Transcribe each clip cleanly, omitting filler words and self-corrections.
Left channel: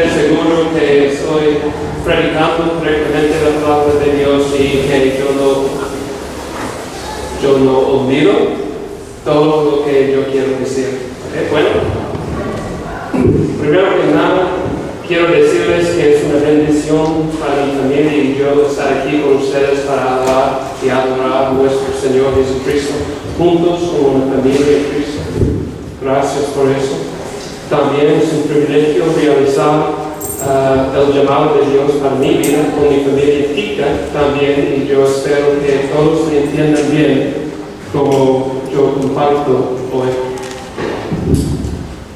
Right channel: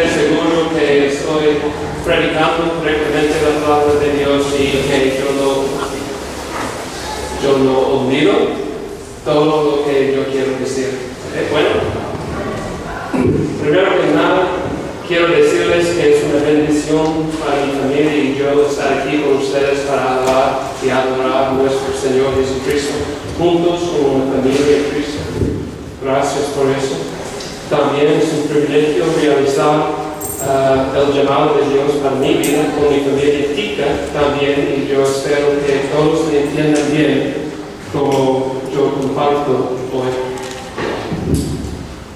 ser seguro que estoy predicando correctamente la palabra de Dios y que yo no olvido todo lo que yo quiero decir. ¿Okay? Bueno, primero que nada, quiero decirles que es una bendición para mi familia y yo estar aquí con ustedes para alabar y adorar a nuestro Señor Jesucristo, juntos como una familia de Cristo. Gracias por eso. También es un privilegio realizar el llamado de Dios para mi vida con mi familia tica también, y yo espero que todos me entiendan bien como yo comparto hoy.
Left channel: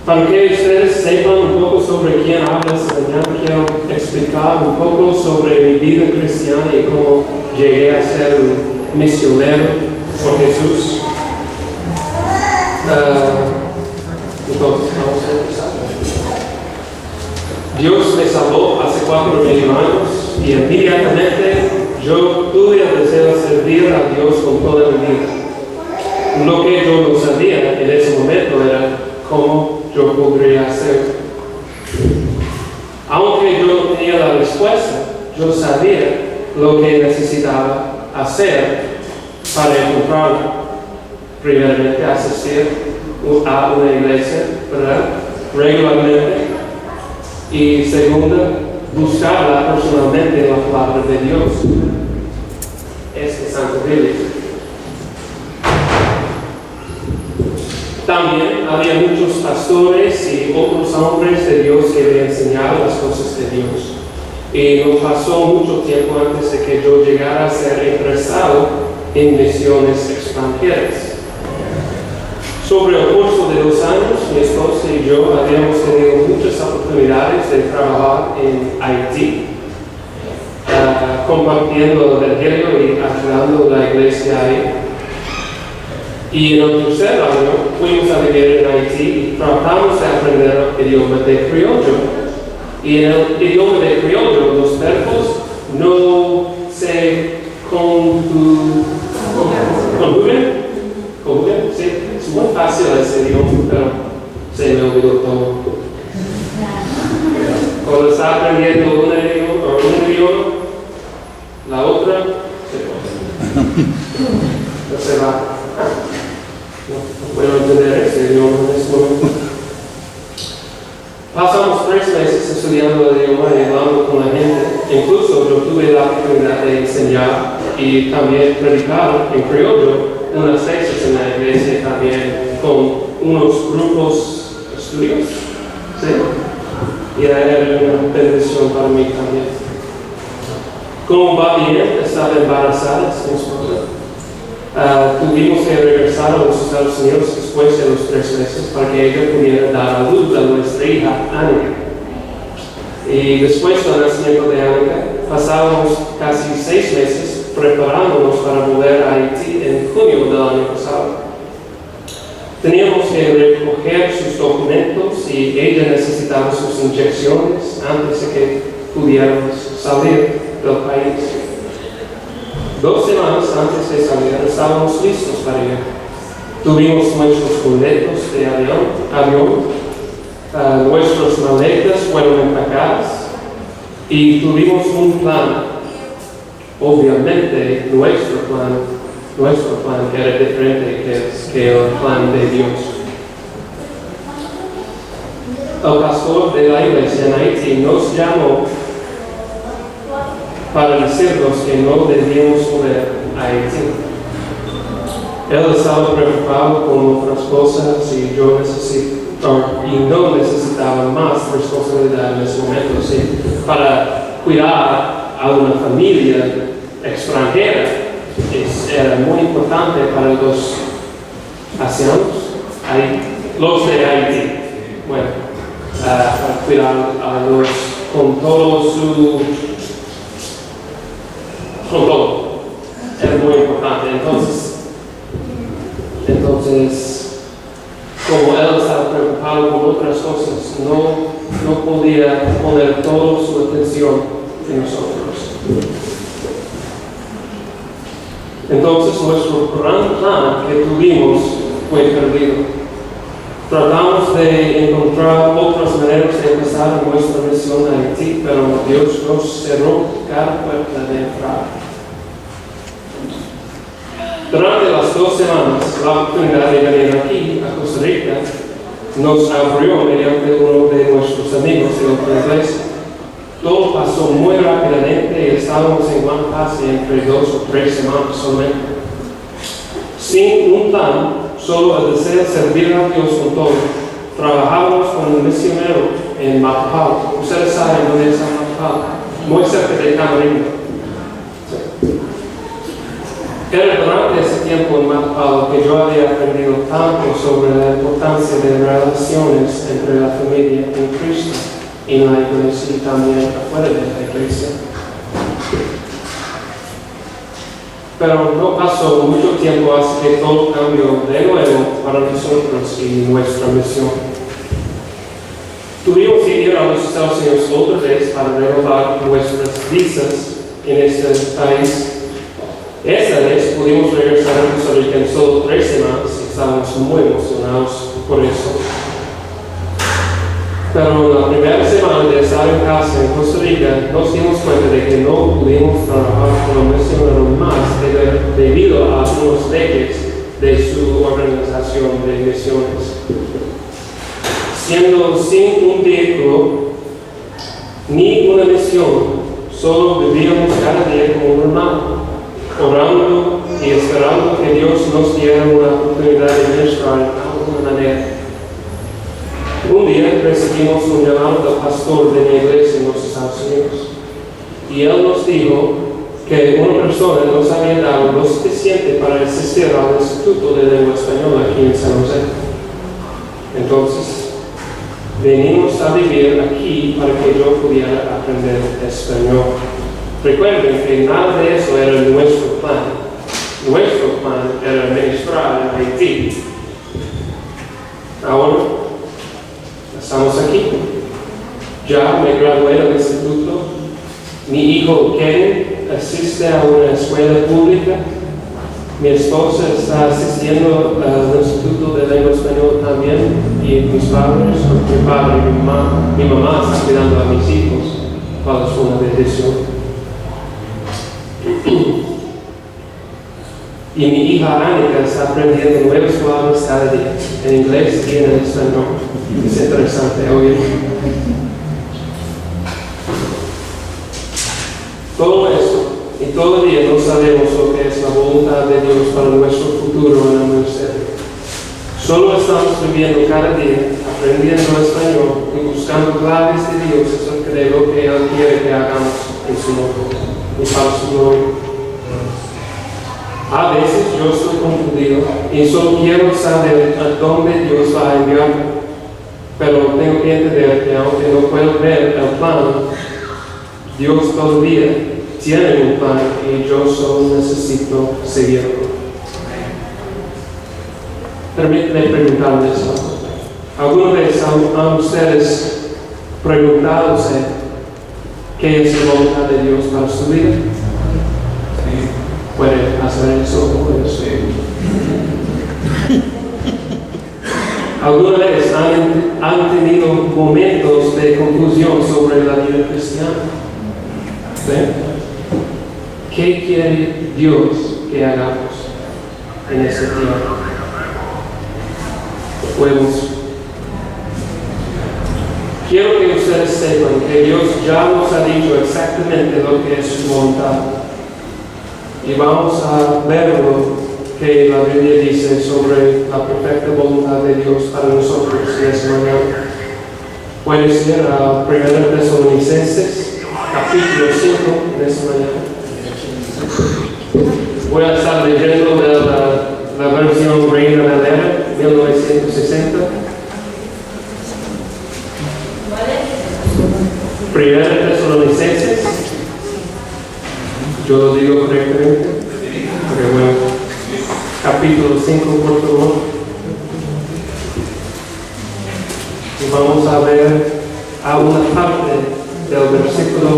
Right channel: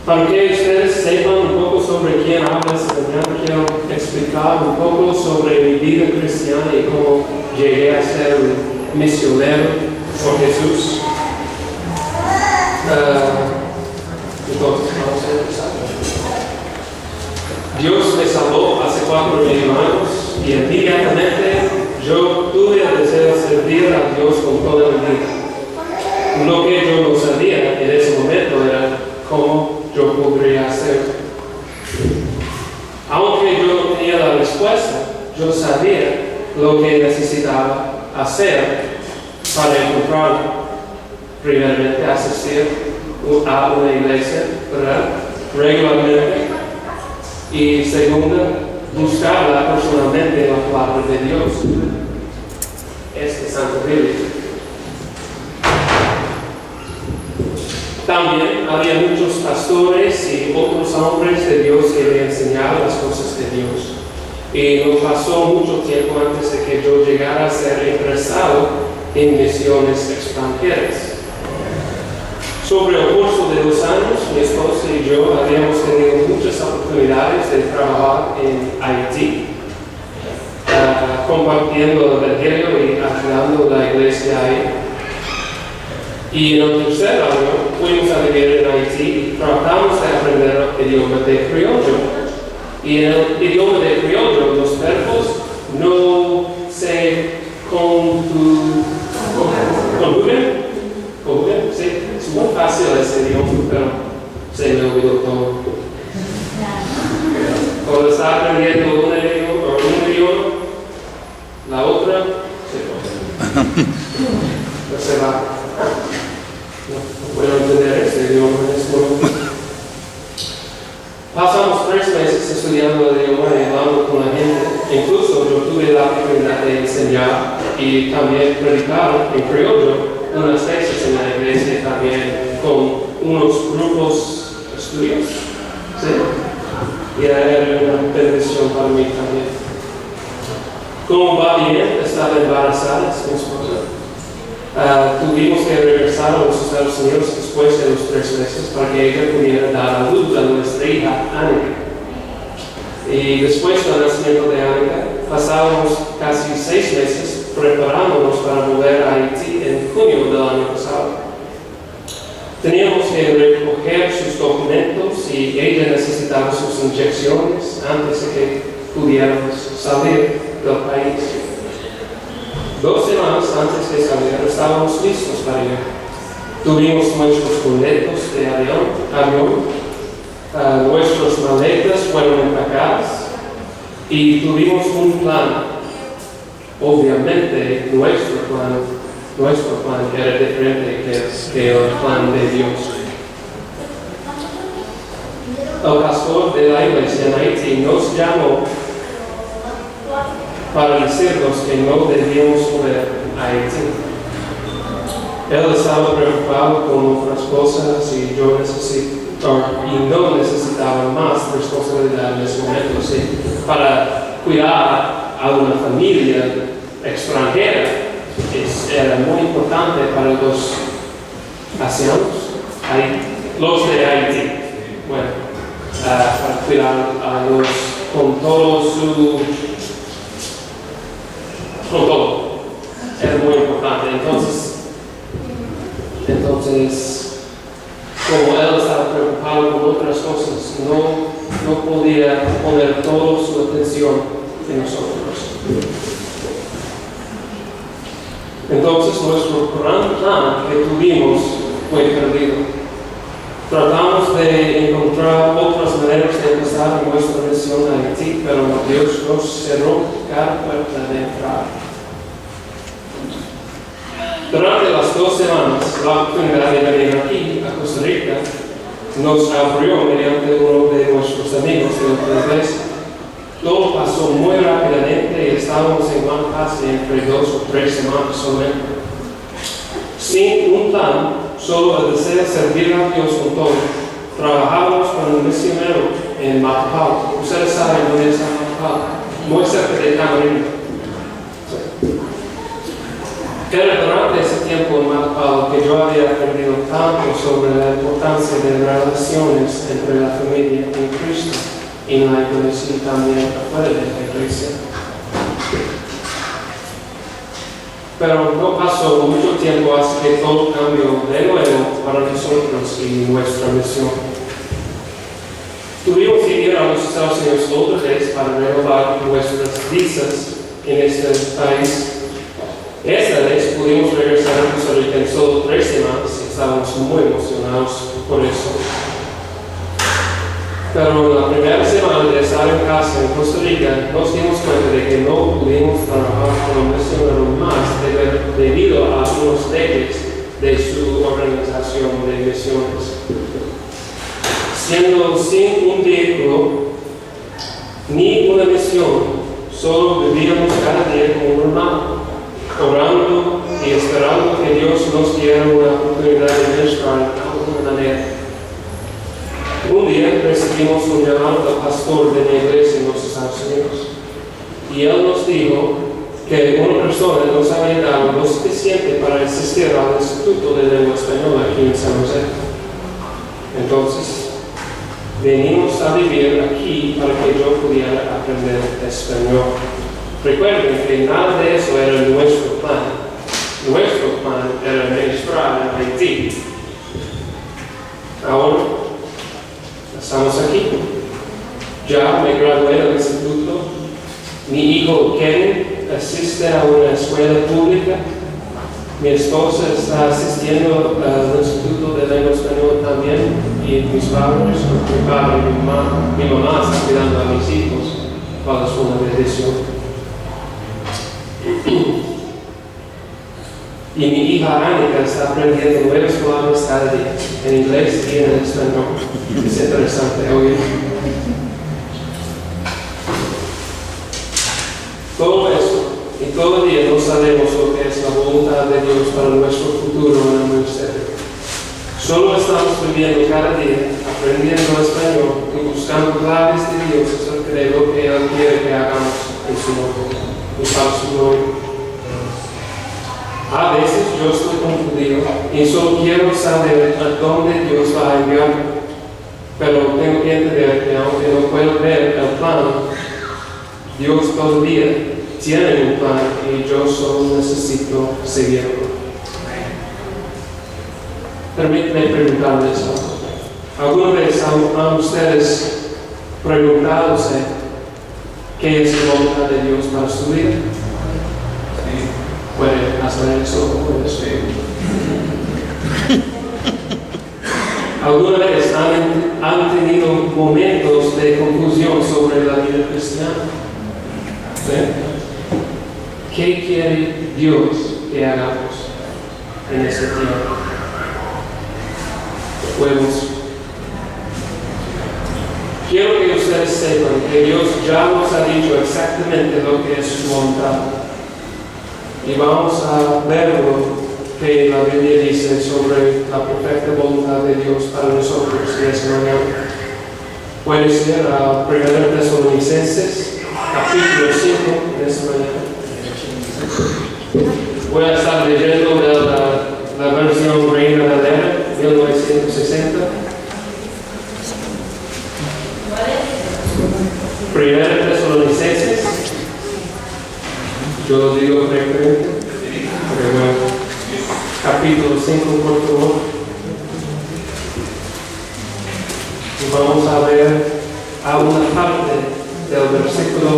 Para que ustedes sepan un poco sobre quién habla esta mañana, quiero explicar un poco sobre mi vida cristiana y cómo llegué a ser un misionero por Jesús. Entonces, vamos a empezar. Dios me salvó hace 4,000 años y inmediatamente yo tuve el deseo de servir a Dios con toda mi vida. Lo que yo no sabía en ese momento era cómo yo podría hacerlo. Aunque yo no tenía la respuesta, yo sabía lo que necesitaba hacer para encontrarlo. Primeramente, asistir a una iglesia, ¿verdad? Regularmente. Y segunda, buscarla personalmente en la palabra de Dios. Santa Biblia. También había muchos pastores y otros hombres de Dios que me enseñaban las cosas de Dios. Y no pasó mucho tiempo antes de que yo llegara a ser interesado en misiones extranjeras. Sobre el curso de 2 años, mi esposa y yo habíamos tenido muchas oportunidades de trabajar en Haití, compartiendo el Evangelio y ayudando a la iglesia ahí. Y en el tercer año fuimos a vivir en Haití y tratamos de aprender el idioma de criollo. Y en el idioma de criollo los verbos no se conjugan. Sí, es muy fácil ese idioma, pero se me olvidó todo. Cuando está aprendiendo un idioma, la otra se va. No puedo entender ese idioma en este momento. Pasamos 3 meses estudiando el idioma y hablando con la gente. Incluso yo tuve la oportunidad de enseñar y también predicar en criollo unas veces en la iglesia también con unos grupos estudios. ¿Sí? Y era una bendición para mí también. Como va bien, estaba embarazada, mi esposa. Tuvimos que regresar a los Estados Unidos después de los 3 meses para que ella pudiera dar a luz a nuestra hija, Annika. Y después del nacimiento de Annika, pasábamos casi 6 meses preparándonos para volver a Haití en junio del año pasado. Teníamos que recoger sus documentos y ella necesitaba sus inyecciones antes de que pudiéramos salir del país. 2 semanas antes de salir estábamos listos para ir. Tuvimos nuestros boletos de avión, nuestras maletas fueron empacadas y tuvimos un plan. Obviamente nuestro plan era diferente que el plan de Dios. El pastor de la iglesia en Haití nos llamó para decirnos que no debíamos volver a Haití. Él estaba preocupado con otras cosas y no necesitaba más responsabilidad en ese momento. ¿Sí? Para cuidar a una familia extranjera era muy importante para los haitianos, los de Haití. Bueno, para cuidar a los con todo. Era muy importante. Entonces, como él estaba preocupado con otras cosas, no podía poner toda su atención en nosotros. Entonces, nuestro gran plan que tuvimos fue perdido. Tratamos de encontrar otras maneras de empezar nuestra misión en Haití, pero Dios nos cerró cada puerta de entrada. Durante las 2 semanas, la oportunidad de venir aquí, a Costa Rica, nos abrió mediante uno de nuestros amigos de otra iglesia. Todo pasó muy rápidamente y estábamos en Juan casi entre 2 o 3 semanas solamente. Sin un plan, solo el deseo de servir a Dios con todo. Trabajábamos con un misionero en Matapalo. Ustedes saben dónde está Matapalo, muy cerca de Camarillo. Era durante ese tiempo en Matapalo que yo había aprendido tanto sobre la importancia de relaciones entre la familia en Cristo y en la iglesia y también afuera de la iglesia. Pero no pasó mucho tiempo hasta que todo cambió de nuevo para nosotros y nuestra misión. Tuvimos que ir a los Estados Unidos otra vez para renovar nuestras visas en este país. Esta vez pudimos regresar a Costa Rica en solo 3 semanas y estábamos muy emocionados por eso. Pero en la primera semana de estar en casa en Costa Rica nos dimos cuenta de que no pudimos trabajar como misionero más debido a algunos leyes de su organización de misiones. Siendo sin un vehículo ni una misión, solo vivíamos cada día como normal, orando y esperando que Dios nos diera una oportunidad de ministrar de alguna manera. Un día recibimos un llamado del pastor de mi iglesia en los Estados Unidos y él nos dijo que una persona nos había dado lo suficiente para asistir al Instituto de Lengua Española aquí en San José. Entonces, venimos a vivir aquí para que yo pudiera aprender español. Recuerden que nada de eso era nuestro plan. Nuestro plan era ministrar en Haití. Ahora, estamos aquí. Ya me gradué del instituto. Mi hijo Kevin asiste a una escuela pública. Mi esposa está asistiendo al Instituto de Lengua Española también. Y mis padres, mi padre y mi mamá están cuidando a mis hijos. Para su una bendición. Y mi hija Anika está aprendiendo nuevas palabras cada día, en inglés y en español. Es interesante oír. Todo esto, y todavía no sabemos lo que es la voluntad de Dios para nuestro futuro en el ministerio. Solo estamos viviendo cada día, aprendiendo español y buscando claves de Dios acerca de lo que Él quiere que hagamos en su nombre y para su gloria. A veces yo estoy confundido y solo quiero saber a dónde Dios va a enviarme. Pero tengo que entender que aunque no puedo ver el plan, Dios todavía tiene un plan y yo solo necesito seguirlo. Permítanme preguntarles algo. ¿Alguna vez han ustedes preguntándose qué es la voluntad de Dios para su vida? ¿Puede hacer eso? ¿Alguna vez han tenido momentos de confusión sobre la vida cristiana? ¿Sí? ¿Qué quiere Dios que hagamos en ese tiempo? Quiero que ustedes sepan que Dios ya nos ha dicho exactamente lo que es su voluntad. Y vamos a ver lo que la Biblia dice sobre la perfecta voluntad de Dios para nosotros esta mañana. Puede ser a 1 Tesalonicenses, capítulo 5, de esta mañana. Voy a estar leyendo de la versión Reina Valera, 1960. 1 Tesalonicenses. Yo lo digo correctamente. Capítulo 5, por favor. Y vamos a ver a una parte del versículo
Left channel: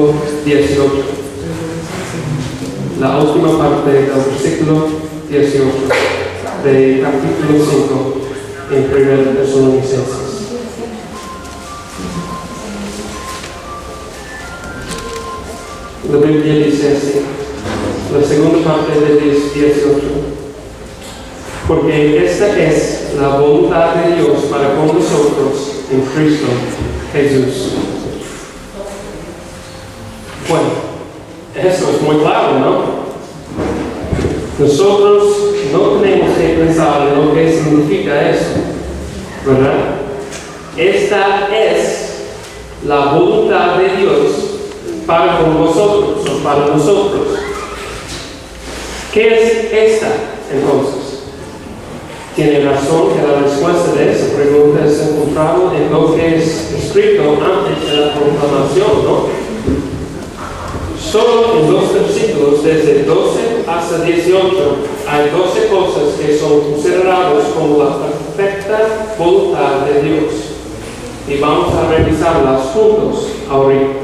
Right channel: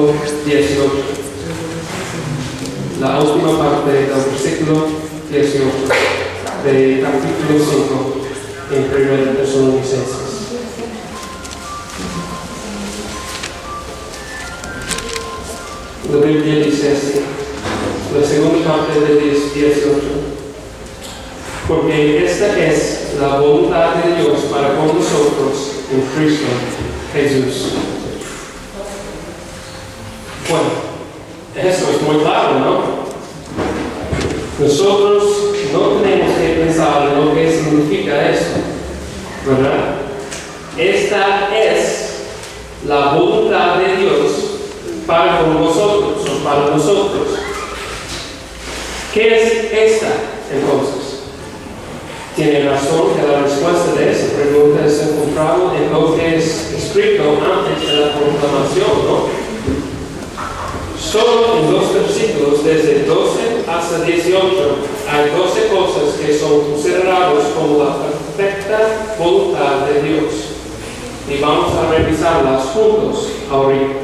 18. La última parte del versículo 18 de capítulo 5. en 1 Tesalonicenses. La Biblia dice así, la segunda parte del 18. Porque esta es la voluntad de Dios para con nosotros en Cristo Jesús. Bueno, eso es muy claro, ¿no? Nosotros no tenemos que pensar en lo que significa eso, ¿verdad? Esta es la voluntad de Dios para con vosotros o para nosotros. ¿Qué es esta entonces? Tiene razón que la respuesta de esa pregunta es encontrada en lo que es escrito antes de la proclamación, ¿no? Solo en 2 versículos, desde 12 hasta 18, hay 12 cosas que son consideradas como la perfecta voluntad de Dios. Y vamos a revisarlas juntos ahorita.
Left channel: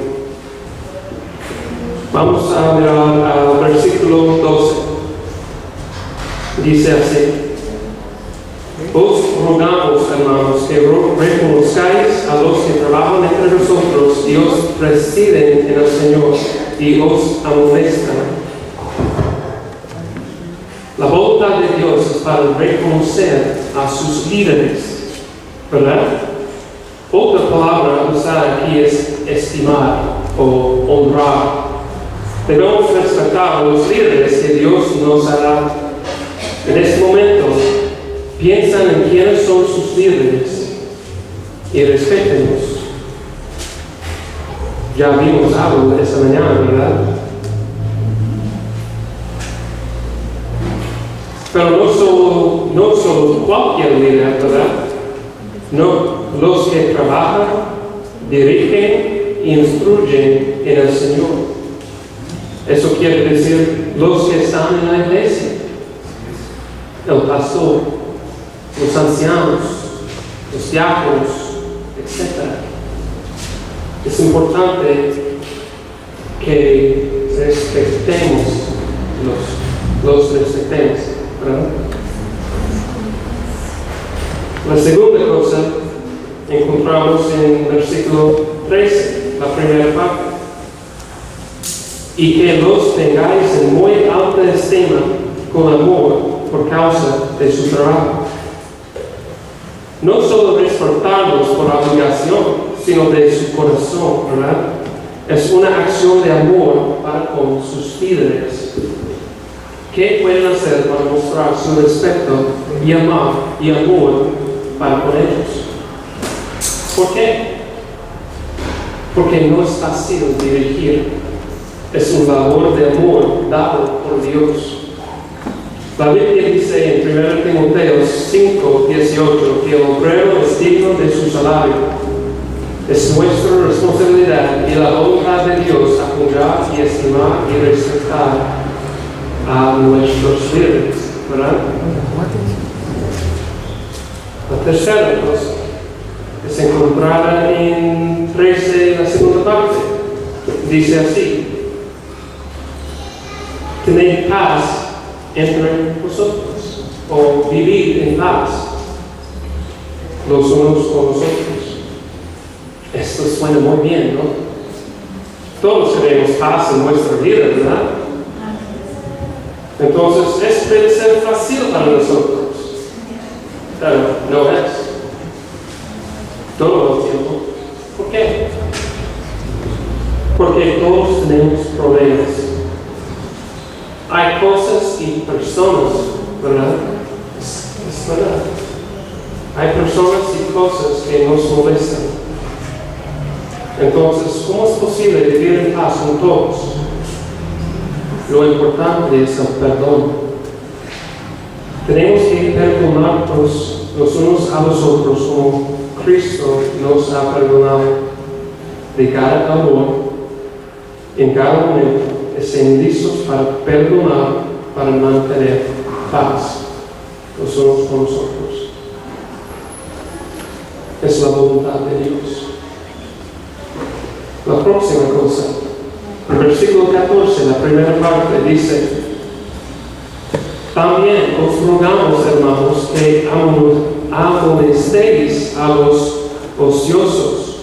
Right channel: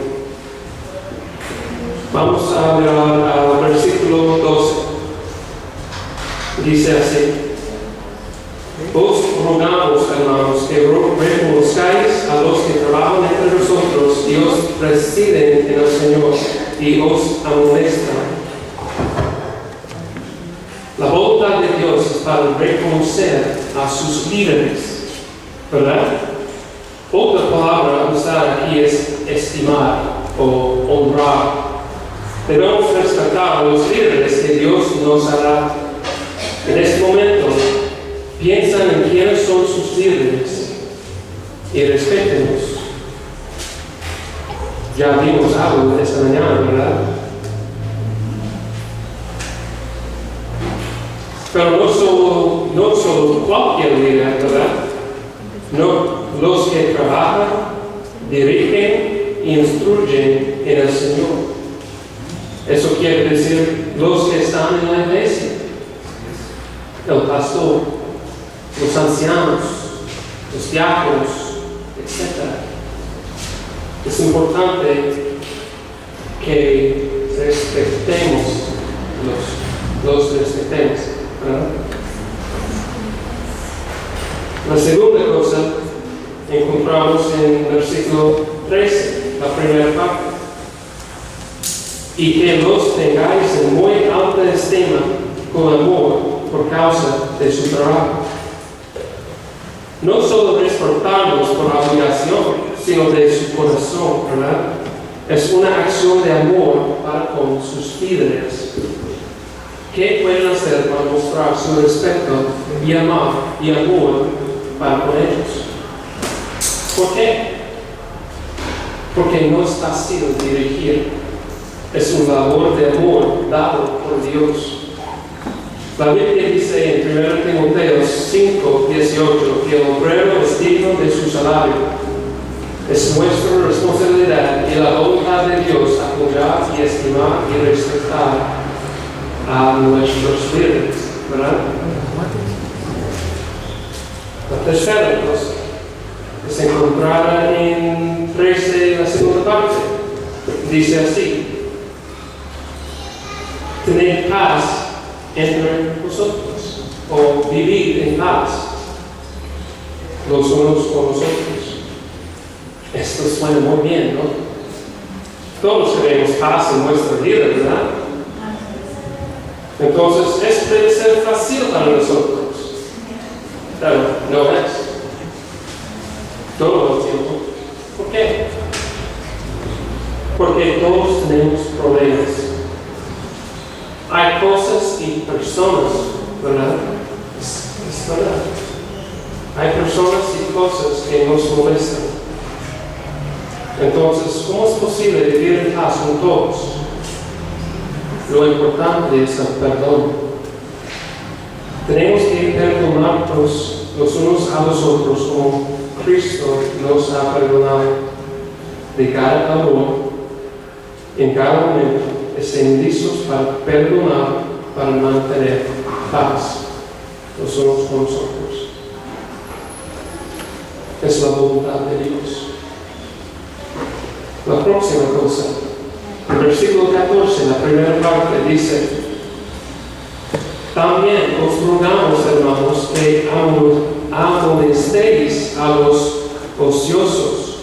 Vamos a mirar al versículo 12. Dice así: os rogamos, hermanos, que reconozcáis a los que trabajan entre nosotros y os presiden en el Señor y os amonestan. La voluntad de Dios es para reconocer a sus líderes, ¿verdad? Otra palabra usada aquí es estimar o honrar. Debemos respetar a los líderes que Dios nos ha dado. En este momento, piensan en quiénes son sus líderes y respétenlos. Ya vimos algo esta mañana, ¿verdad? Pero no solo cualquier líder, ¿verdad? No, los que trabajan, dirigen y instruyen en el Señor. Eso quiere decir los que están en la iglesia, el pastor, los ancianos, los diáconos, etc. Es importante que respetemos los respetemos, ¿verdad? La segunda cosa encontramos en versículo 13, la primera parte. Y que los tengáis en muy alta estima con amor por causa de su trabajo. No solo respetarlos por obligación, sino de su corazón, ¿verdad? Es una acción de amor para con sus líderes. ¿Qué pueden hacer para mostrar su respeto y amor para con ellos? ¿Por qué? Porque no es fácil dirigir. Es un valor de amor dado por Dios. La Biblia dice en 1 Timoteo 5:18 que el obrero es digno de su salario. Es nuestra responsabilidad y la voluntad de Dios apoyar y estimar y respetar a nuestros líderes, ¿verdad? La tercera cosa es encontrada en 13, la segunda parte. Dice así: tened paz entre vosotros, o vivir en paz los unos con los otros. Esto suena muy bien, ¿no? Todos queremos paz en nuestra vida, ¿verdad? Entonces, esto debe ser fácil para nosotros, pero no es todo el tiempo. ¿Por qué? Porque todos tenemos problemas. Hay cosas y personas, ¿verdad? Es verdad. Hay personas y cosas que nos molestan. Entonces, ¿cómo es posible vivir en paz con todos? Lo importante es el perdón. Tenemos que perdonarnos los unos a los otros como Cristo nos ha perdonado. De cada amor, en cada momento, estén listos para perdonar, para mantener paz los unos con los otros. Es la voluntad de Dios. La próxima cosa, el versículo 14, la primera parte, dice: también os rogamos, hermanos, que amonestéis a los ociosos.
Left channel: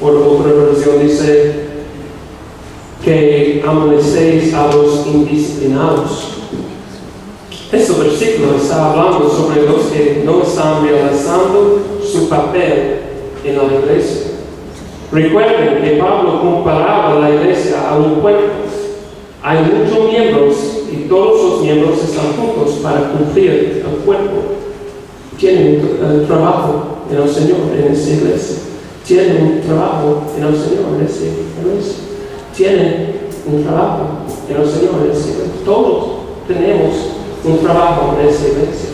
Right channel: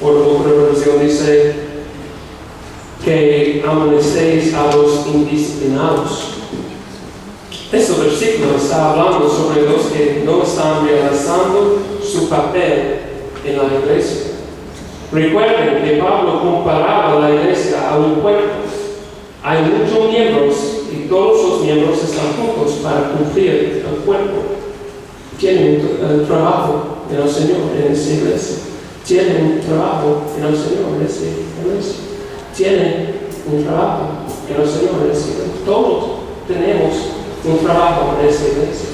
Por otra versión dice que amonestéis a los indisciplinados. Este versículo está hablando sobre los que no están realizando su papel en la iglesia. Recuerden que Pablo comparaba la iglesia a un cuerpo. Hay muchos miembros y todos los miembros están juntos para cumplir el cuerpo. Tienen un trabajo en el Señor en esta iglesia. Tienen un trabajo en el Señor en esta iglesia. Tienen un trabajo en el Señor en esta iglesia. Todos tenemos un trabajo en esta iglesia.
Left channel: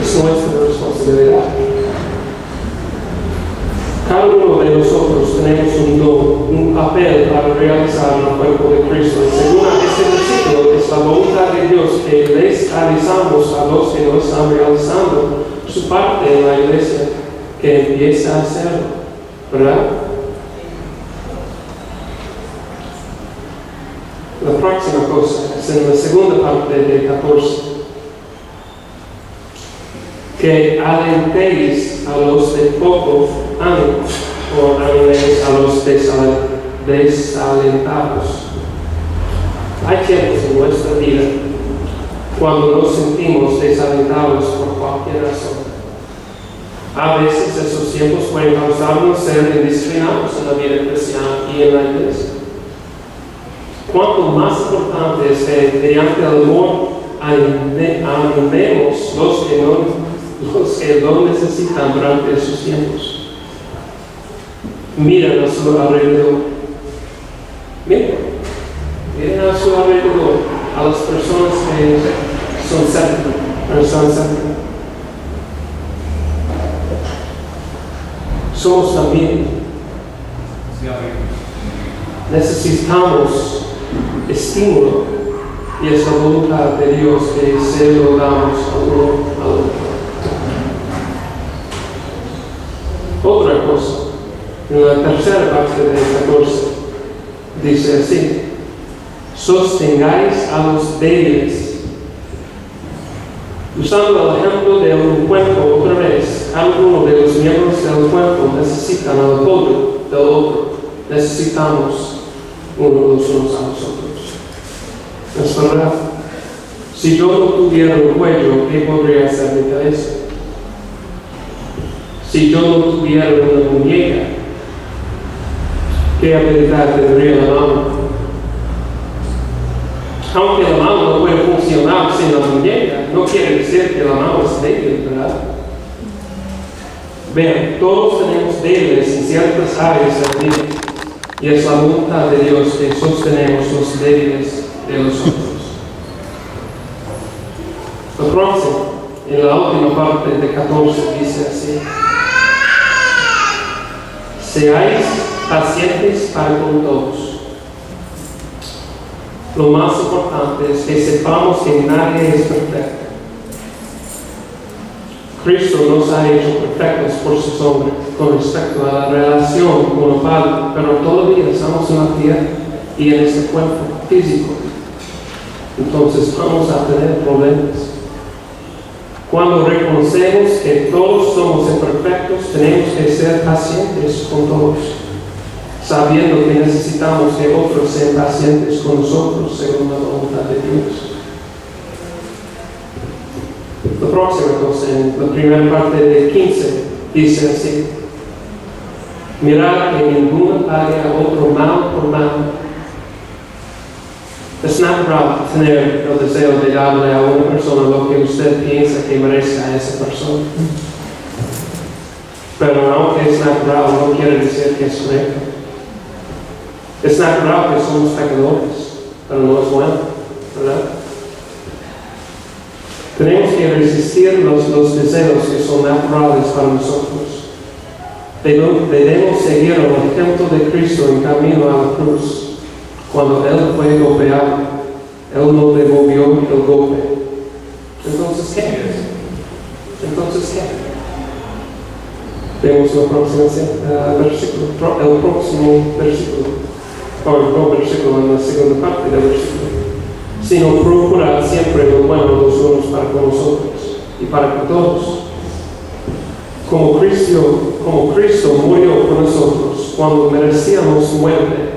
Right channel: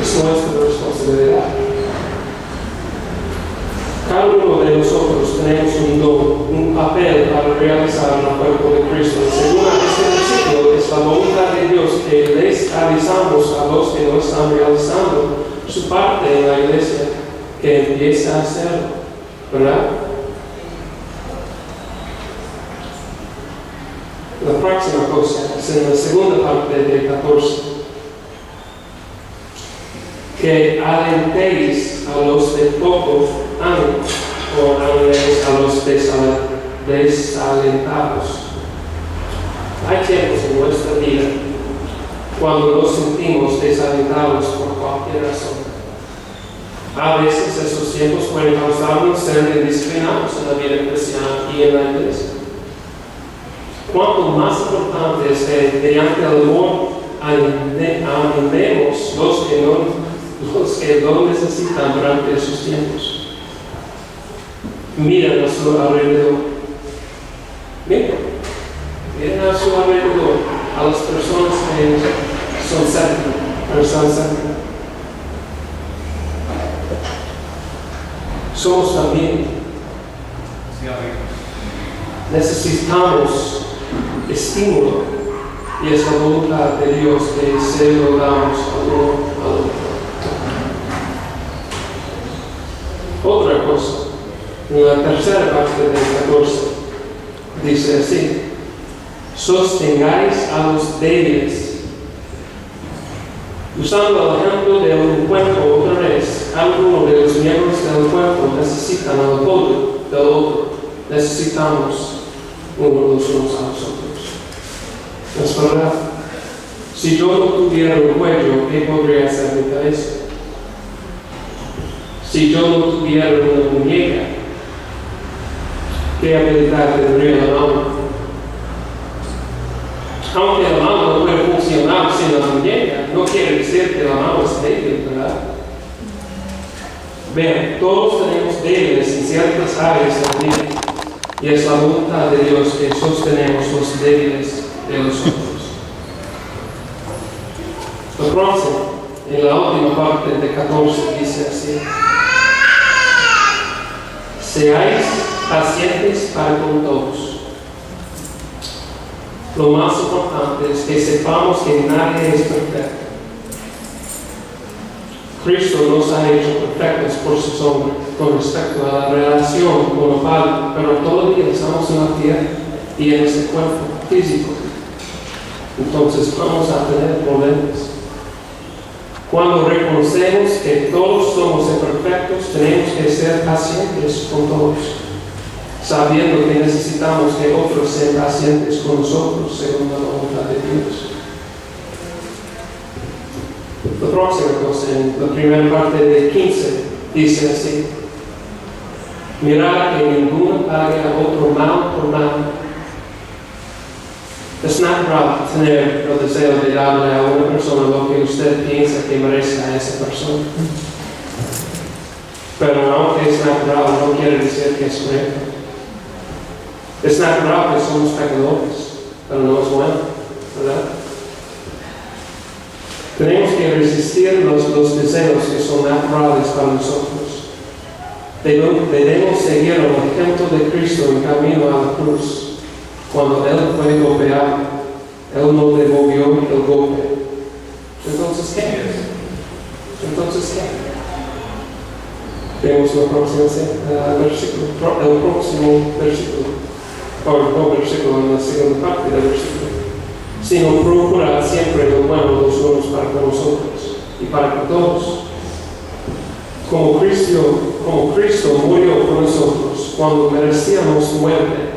Es nuestra responsabilidad. Cada uno de nosotros tenemos un don, un papel para realizar el cuerpo de Cristo. Según este versículo, es la voluntad de Dios que les avisamos a los que no están realizando su parte en la iglesia, que empiece a hacerlo, ¿verdad? La próxima cosa es en la segunda parte de 14. Que alentéis a los de poco ánimo, o animéis a los desalentados. Hay tiempos en nuestra vida cuando nos sentimos desalentados por cualquier razón. A veces esos tiempos pueden causarnos ser indisciplinados en la vida cristiana y en la iglesia. Cuanto más importante es que mediante el amor animemos los que lo necesitan durante esos tiempos. Miren a su alrededor. Miren a su alrededor, a las personas que son cerca. Somos también. Necesitamos estímulo, y es la voluntad de Dios que se lo damos al uno al otro. Otra cosa, en la tercera parte del 14, dice así: sostengáis a los débiles. Usando el ejemplo de un cuerpo otra vez, cada uno de los miembros del cuerpo necesitan el apoyo del otro. Necesitamos unos a los otros. ¿Es verdad? Si yo no tuviera un cuello, ¿qué podría hacer mi cabeza? Si yo no tuviera una muñeca, ¿qué habilidad tendría la mano? Aunque la mano no puede funcionar sin la muñeca, no quiere decir que la mano es débil, ¿verdad? Vean, todos tenemos débiles en ciertas áreas de la vida, y es la voluntad de Dios que sostenemos los débiles de nosotros. El próximo, en la última parte de 14, dice así: seáis pacientes para con todos. Lo más importante es que sepamos que nadie es perfecto. Cristo nos ha hecho perfectos por su sombra con respecto a la relación con el Padre, pero todavía estamos en la tierra y en este cuerpo físico. Entonces vamos a tener problemas. Cuando reconocemos que todos somos imperfectos, tenemos que ser pacientes con todos, sabiendo que necesitamos que otros sean pacientes con nosotros según la voluntad de Dios. La próxima cosa, en la primera parte de 15, dice así: mirad que ninguno pague a otro mal por mal. Es natural tener el deseo de darle a una persona lo que usted piensa que merece a esa persona. Pero aunque es natural, no quiere decir que es correcto. Es natural que somos pecadores, pero no es bueno, ¿verdad? Tenemos que resistir los deseos que son naturales para nosotros. Debemos seguir el ejemplo de Cristo en camino a la cruz. Cuando Él fue golpeado, Él no devolvió el golpe. Entonces, ¿qué? Vemos el próximo versículo, o el versículo en la segunda parte del versículo. Sino procurad siempre lo bueno los unos para con nosotros y para con todos, Como Cristo murió por nosotros cuando merecíamos muerte,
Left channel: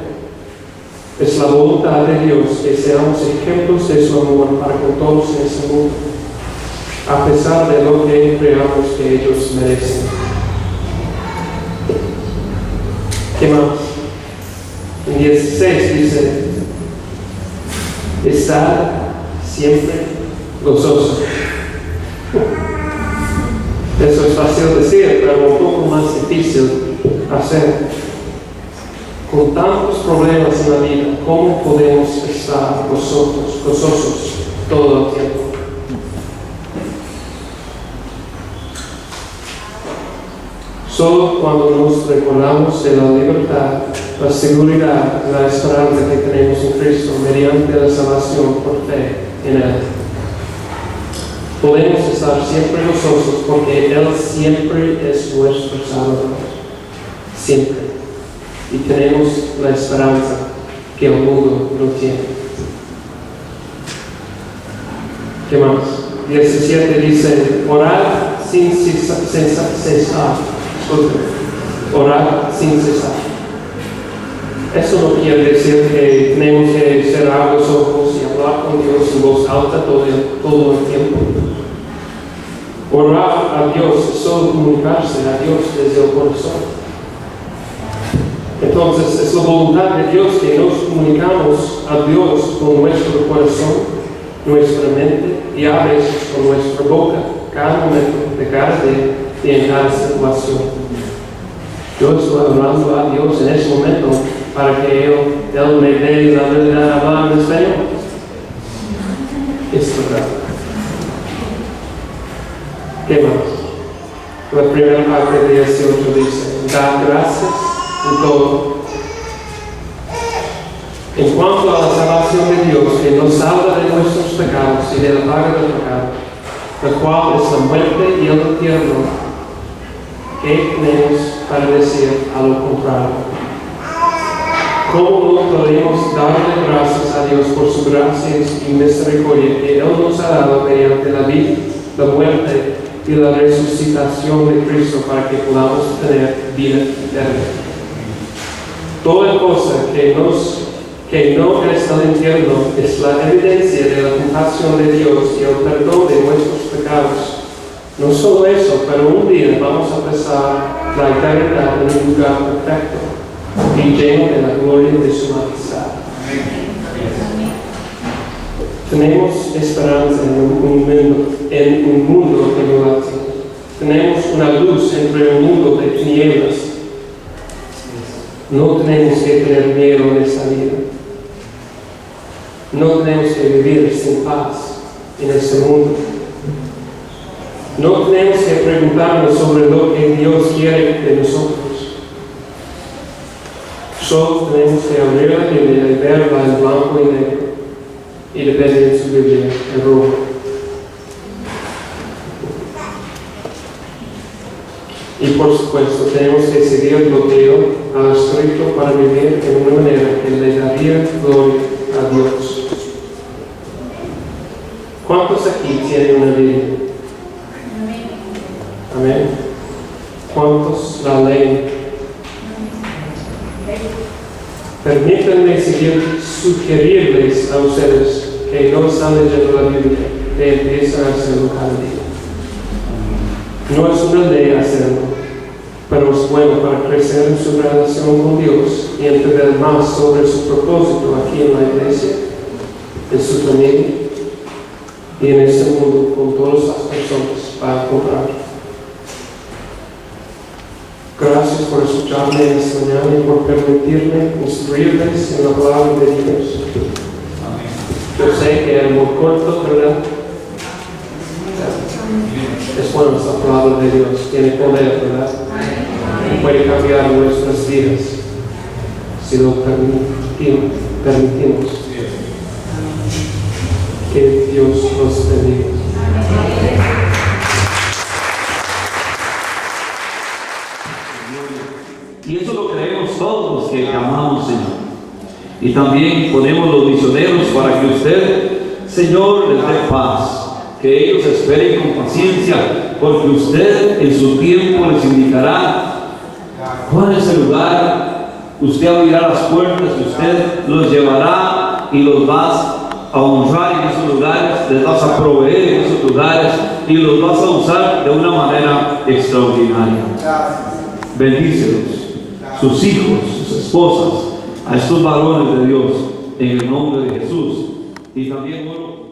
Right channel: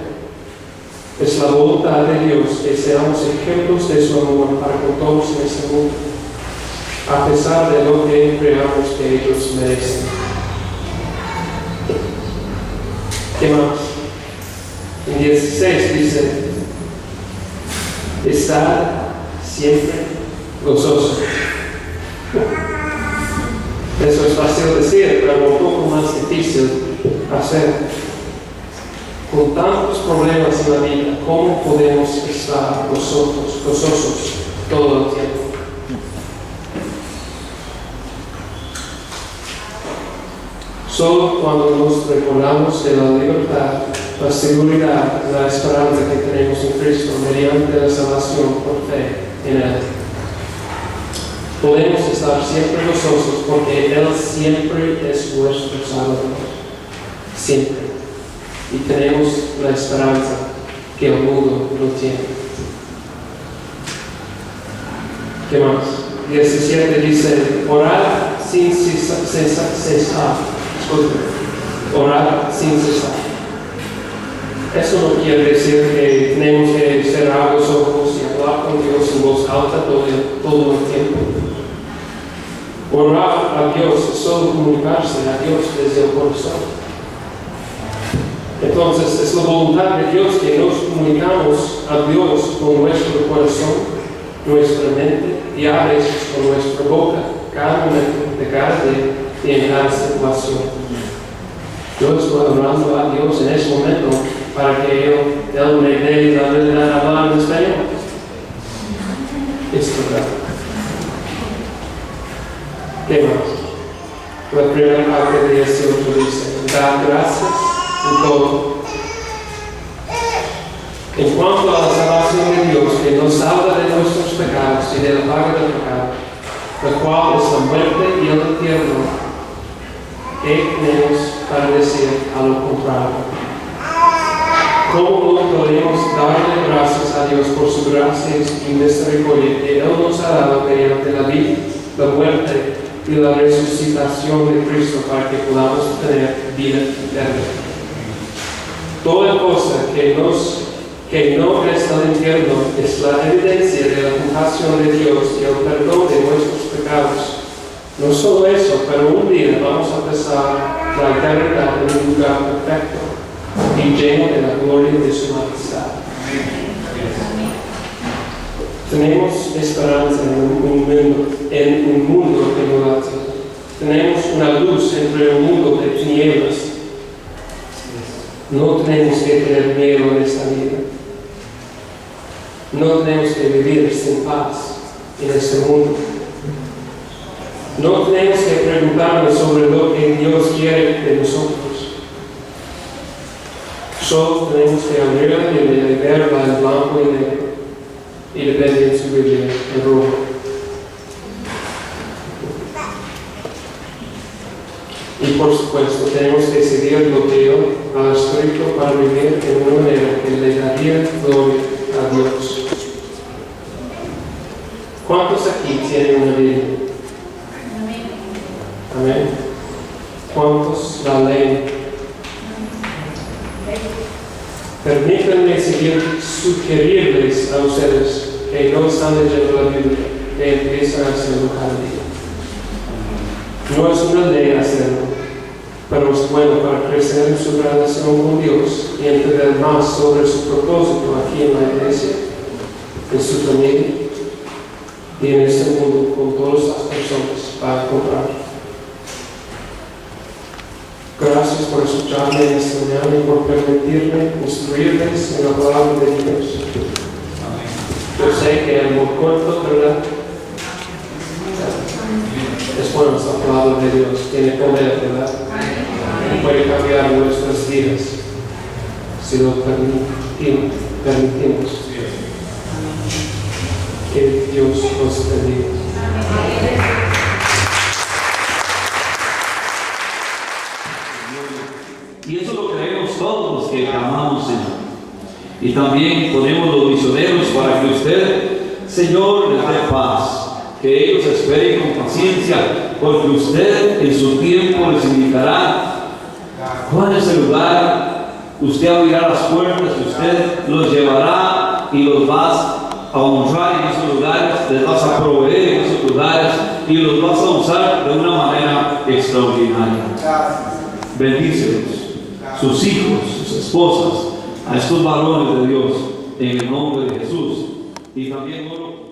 es la voluntad de Dios que seamos ejemplos de su amor para con todos en este mundo, a pesar de lo que creamos que ellos merecen. ¿Qué más? En 16 dice, estad siempre gozoso. Eso es fácil decir, pero un poco más difícil hacer. Con tantos problemas en la vida, ¿cómo podemos estar gozosos todo el tiempo? Solo cuando nos recordamos de la libertad, la seguridad, la esperanza que tenemos en Cristo mediante la salvación por fe en Él, podemos estar siempre gozosos porque Él siempre es nuestro Salvador. Siempre. Y tenemos la esperanza que el mundo no tiene. ¿Qué más? 17 dice, orad sin cesar. Orar sin cesar. Eso no quiere decir que tenemos que cerrar los ojos y hablar con Dios en voz alta todo el tiempo. Orar a Dios es solo comunicarse a Dios desde el corazón. Entonces es la voluntad de Dios que nos comunicamos a Dios con nuestro corazón, nuestra mente y a veces con nuestra boca, cada momento de cada día y en cada situación. Yo estoy hablando a Dios en ese momento para que Él me dé la habilidad de hablar en español. Es verdad. ¿Qué más? La primera parte de 18 dice, dar gracias en todo. En cuanto a la salvación de Dios, que nos salva de nuestros pecados y de la paga del pecado, la cual es la muerte y el infierno, ¿qué tenemos para decir a lo contrario? ¿Cómo no podemos darle gracias a Dios por su gracia y misericordia que Él nos ha dado mediante la vida, la muerte y la resucitación de Cristo para que podamos tener vida eterna? Toda cosa que no es el infierno es la evidencia de la compasión de Dios y el perdón de nuestros pecados. No solo eso, pero un día vamos a pasar la eternidad en un lugar perfecto y lleno de la gloria de su majestad. Tenemos esperanza en un mundo que no la tiene. Tenemos una luz entre un mundo de tinieblas. No tenemos que tener miedo en esta vida. No tenemos que vivir sin paz en este mundo. No tenemos que preguntarnos sobre lo que Dios quiere de nosotros. Solo tenemos que abrir la Biblia y verla en blanco y negro y depende de su Biblia en rojo. Y por supuesto, tenemos que seguir lo que Él ha escrito para vivir de una manera que le daría gloria a Dios. ¿Cuántos aquí tienen una Biblia? Amén. ¿Cuántos la leen? Permítanme sugerirles a ustedes que no están leyendo la Biblia, que empiezan a hacerlo cada día. No es una ley hacerlo, pero es bueno para crecer en su relación con Dios y entender más sobre su propósito aquí en la iglesia, en su familia y en este mundo con todas las personas para encontrar. Gracias por escucharme esta mañana y por permitirme instruirles en la palabra de Dios. Yo sé que es muy corto, ¿verdad? Es bueno esta palabra de Dios, tiene poder, ¿verdad? Y puede cambiar nuestras vidas si lo permitimos. Que Dios nos bendiga. Y eso lo creemos todos los que amamos, Señor. Y también ponemos los misioneros para que usted, Señor, les dé paz, que ellos esperen con paciencia porque usted en su tiempo les indicará cuál es el lugar. Usted abrirá las puertas, usted los llevará y los vas a honrar en esos lugares, les vas a proveer en esos lugares y los vas a usar de una manera extraordinaria. Bendícelos, sus hijos, sus esposas, a estos varones de Dios, en el nombre de Jesús. Y también oro